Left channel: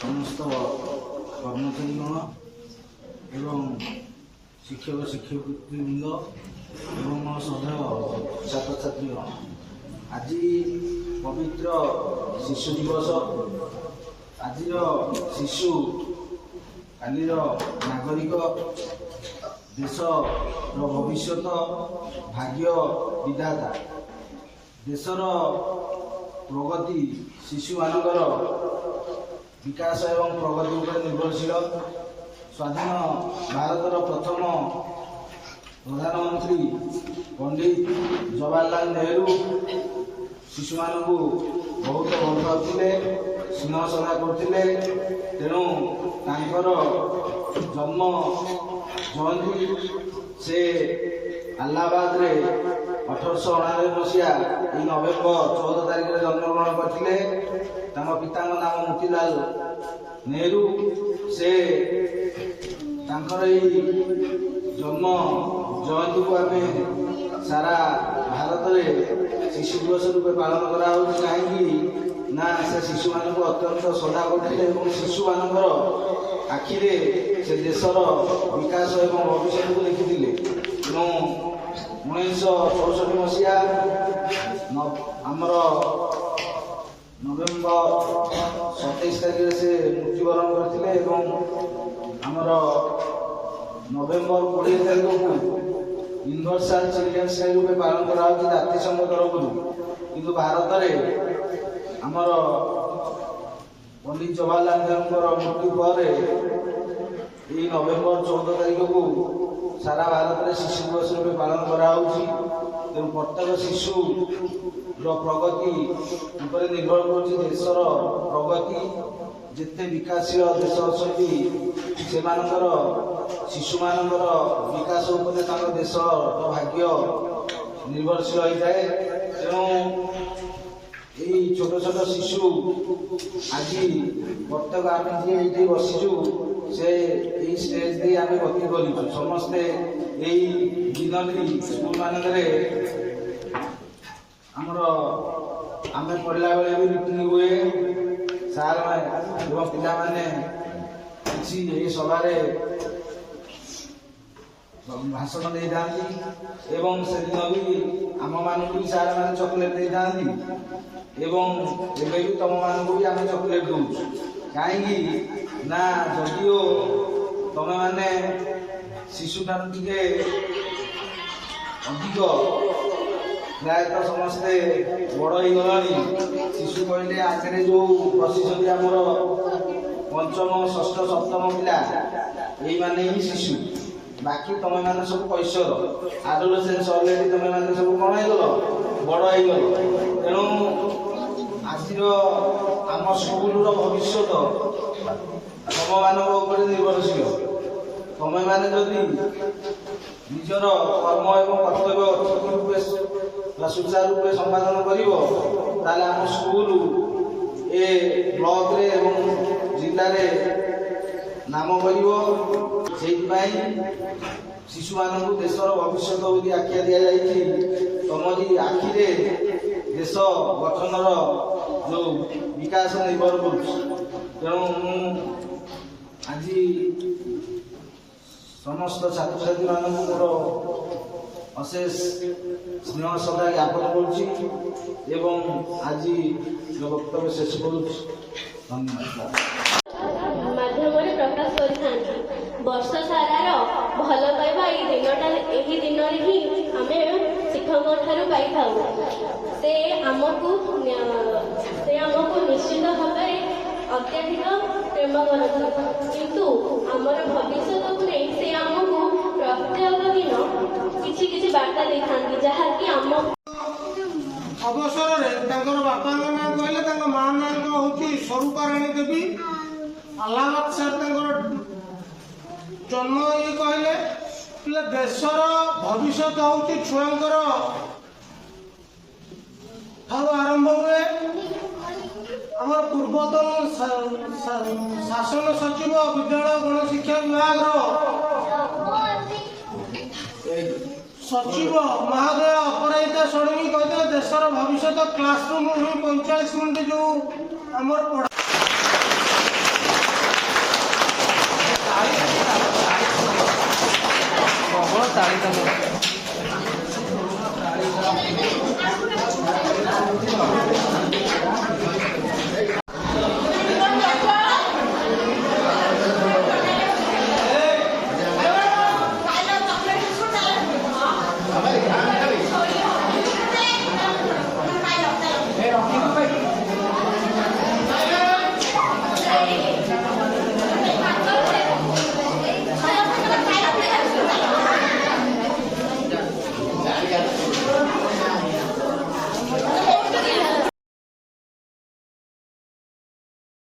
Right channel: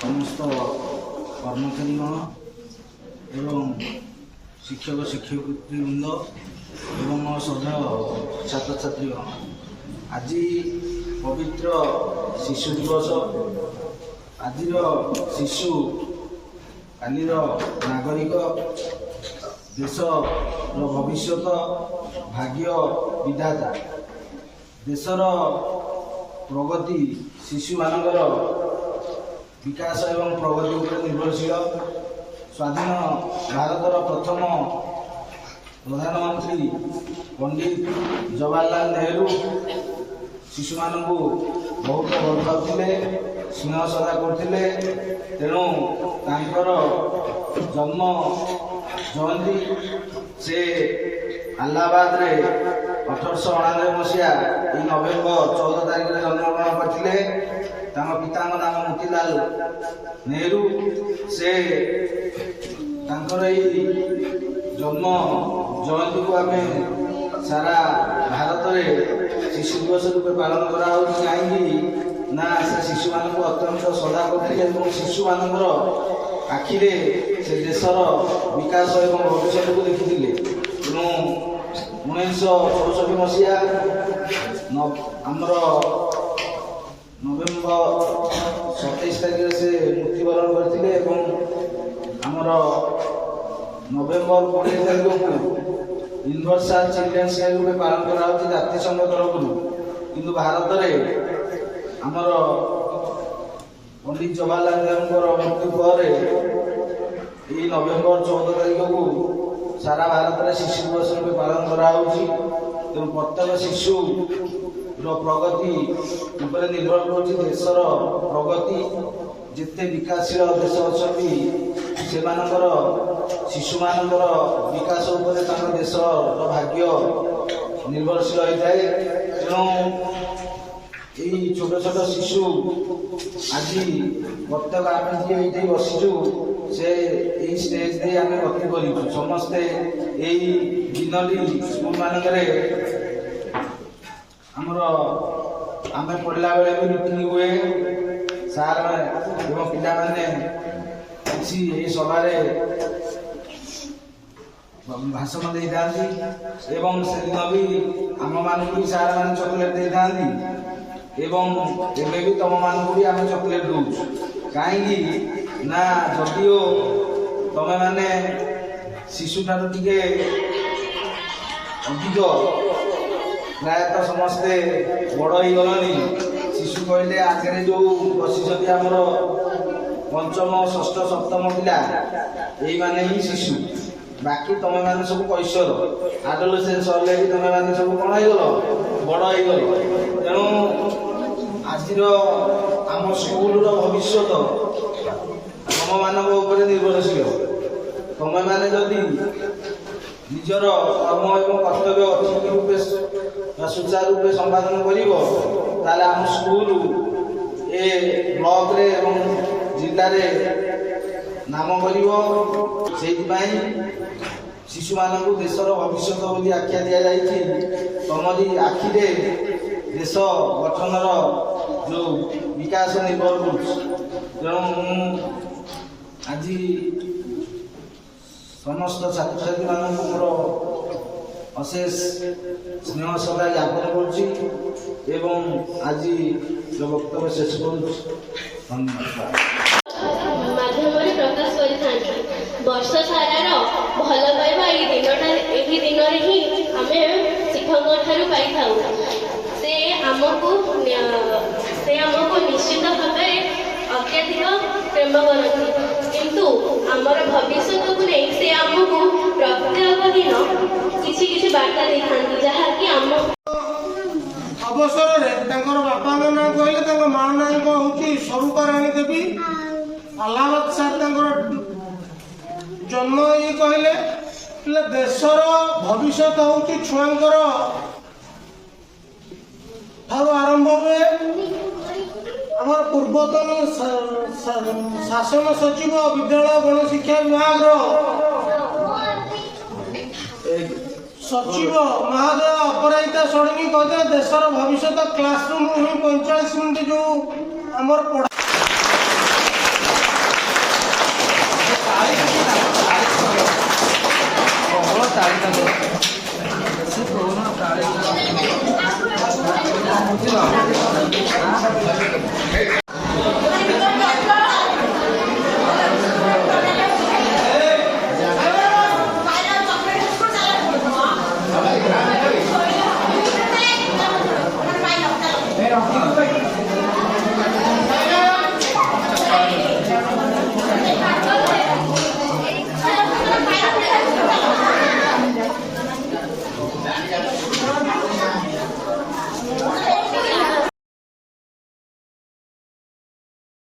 समस्त कर्मचारीगण एवं शिक्षक शिक्षकवृंद एवं सह छात्र छात्रीगण आज पवित्र शिशु दिवस। आज शिशु कालीर नागरिक देशर भविष्य भाग्य विधाता देशर प्रगति शिशु मानकर विकास एवं प्रगति उपर निर्भरशील। स्वाधीन भारतर प्रथम प्रधानमंत्री पंडित जवाहरलाल नेहरू शिशु मानू बहुत भल पाते स्नेह श्रद्धा करते। तेणु तांकर जन्म जयंती से अलाहाबाद रे 1899 मसीहा नवेम्बर 14 तारीख में जन्मग्रहण करते। पिता नाम मोतीलाल नेहरू से जन्म जयंती को आम सारा भारत में शिशु दिवस रूपे पालन करा कहीं ना से शिशु मान अत्यंत श्रद्धा करते। शिशु मान आखिरे से देशर विकास और भविष्य को देखी। तेणु 1964 मसीहा आमर नवेम्बर 27 तारीख से मृत्युवरण करते। आमर नवेम्बर 20 तारीख को यूनिवर्सल चिल्ड्रेन्स डे रूप पालन करा जातिसंघ तरफ। किंतु भारत में आमर पंडित जवाहरलाल नेहरू मृत्यु पर नवेम्बर 14 तारीख को सारा भारत में शिशु दिवस रूप पालन करा। तेणु प्रत्येक शिशु प्रगति उपर निर्भर कर देशर प्रगति। जिते विकासशील देश अच्छी से शिशु मान विकास उपर देशर भाग्य निर्भरशील होता है। तेणु यही छोट छोट शिशु आज प्रत्येक आम ये बसीचु से यही स्टेज दे आम गति कर समस्ते यही दिन स्कूल मानक आमर आम पढ़ला बेले भी मीटिंग हुए सार एवं पिला माने किसी सभा भाषण दे था एवं से दिन भी आम मान भी सार मैंने चॉकलेट दे था एवं एवं भी तुम मान भी आम चॉकलेट दौ कहीं ना जदिओ तमें मैंने शिशु ठार टे अधिक प्रायतः समस्ते बड़ हो गलानी। शिशु कहले आगे जो बसी आमर पंचम षष्ठ सप्तम पिला यही माने ही शिशु। बाकी तुम मैंने सब कैशोर आडोलेसेंस अलरेडी तुम मैंने सब कौन हो बड़ हो। तेणु आज आम स्कूल भविष्य तुम मान निर्भरशील। तुम मैंने जदि निजर कर्म एवं कर्तव्य ठीक रूपे सुचारू रूपे संपादन कर आम स्कूल ए ब्लॉक रे एवं जिले रे नाम कर शिशु मान देशर भविष्य बोली आख्या दि जाती। तुमरी आखिरे देश गठन जो विकास निर्भर कर। आज समस्त छात्र छात्री मान मोर अशेष स्नेह श्रद्धा ज्ञापन कर आज जो वक्तव्य शेष कर धन्यवाद। प्रकाश वर्ष सारार भल पाइबा यही दिन ही आम शिक्षक पाई से आमको ଅବସରରେ ତାଙ୍କର ବାପାଙ୍କ ନାଁ କହିଲେ, ତାଙ୍କ ମା ନାଁ ହେଉଛି ସ୍ୱରୂପାରାଣୀ ଦେବୀ। ଆହ୍ଲାବାଦ ସାର୍ ତାଙ୍କର ଜନ୍ମ ଇଏ କହିଲେ ଦେଶର ଭବିଷ୍ୟତ ହେଉଛି ଛୁଆଙ୍କର ଠାରୁ ଆରମ୍ଭ ହୁଏ। ଆମର ପୂର୍ବତନ ଶାସନ ସଚିବ ବିଦ୍ୟାଳୟ ଗଣଶିକ୍ଷା ବିଭାଗର ସଚିବ ମହୋଦୟ ଅପରାଜିତା ଷଡ଼ଙ୍ଗୀ କହିଥିଲେ ଦେଶର ଭବିଷ୍ୟତ କ୍ଲାସରୁମ୍ ହିଁ 45 ମିନିଟ୍ ଯେଉଁ ଆମର ପଢ଼ା ତାଳି